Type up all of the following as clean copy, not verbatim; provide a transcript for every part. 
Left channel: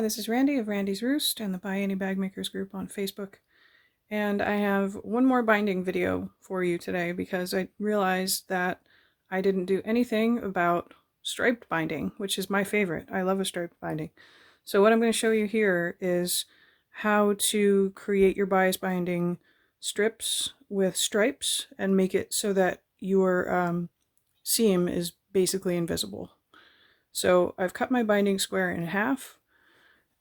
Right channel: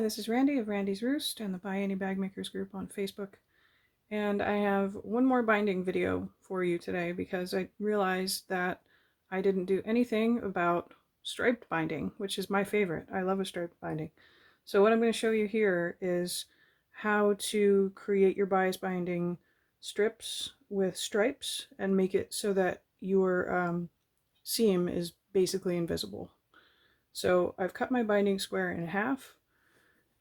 Hi, this is Randy of Randy's Roost and the Buy Any Bag Makers group on Facebook. And I have one more binding video for you today because I realized that I didn't do anything about striped binding, which is my favorite. I love a striped binding. So what I'm going to show you here is how to create your bias binding strips with stripes and make it so that your seam is basically invisible. So I've cut my binding square in half,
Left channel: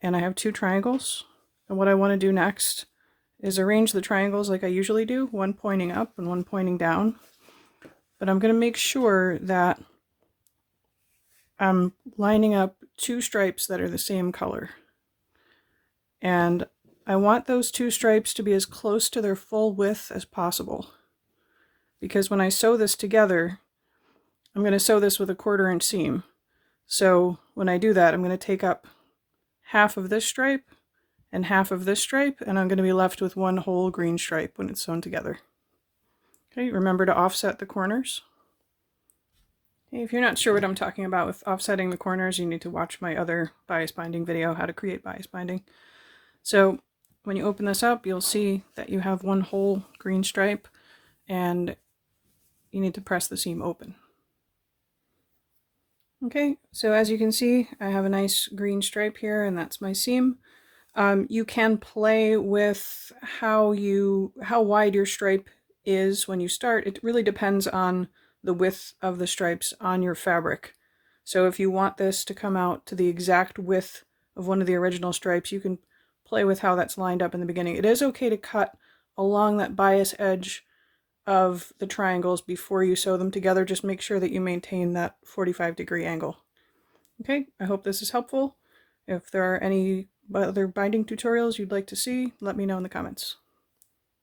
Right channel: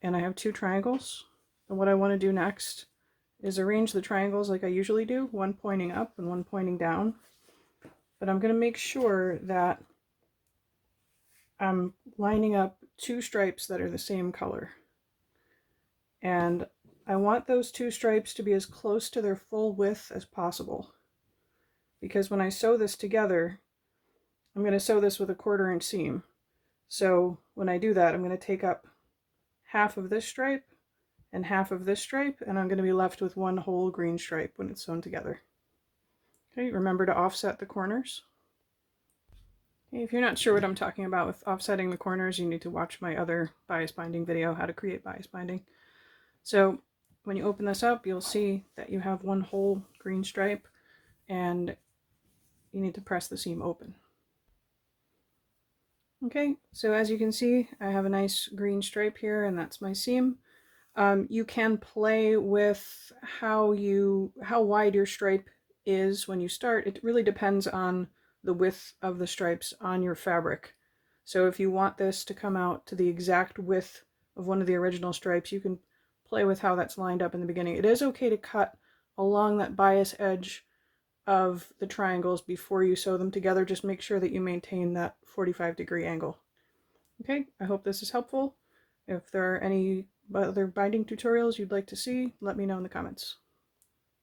and I have two triangles. And what I want to do next is arrange the triangles like I usually do, one pointing up and one pointing down. But I'm going to make sure that I'm lining up two stripes that are the same color. And I want those two stripes to be as close to their full width as possible. Because when I sew this together, I'm going to sew this with a 1/4 inch seam. So when I do that, I'm going to take up half of this stripe and half of this stripe, and I'm going to be left with one whole green stripe when it's sewn together. Okay, remember to offset the corners. Okay, if you're not sure what I'm talking about with offsetting the corners, you need to watch my other bias binding video, how to create bias binding. So when you open this up, you'll see that you have one whole green stripe, and you need to press the seam open. Okay, so as you can see, I have a nice green stripe here, and that's my seam. You can play with how wide your stripe is when you start. It really depends on the width of the stripes on your fabric. So if you want this to come out to the exact width of one of the original stripes, you can play with how that's lined up in the beginning. It is okay to cut along that bias edge of the triangles before you sew them together. Just make sure that you maintain that 45-degree angle. Okay, I hope this is helpful. If there are any other binding tutorials you'd like to see, let me know in the comments.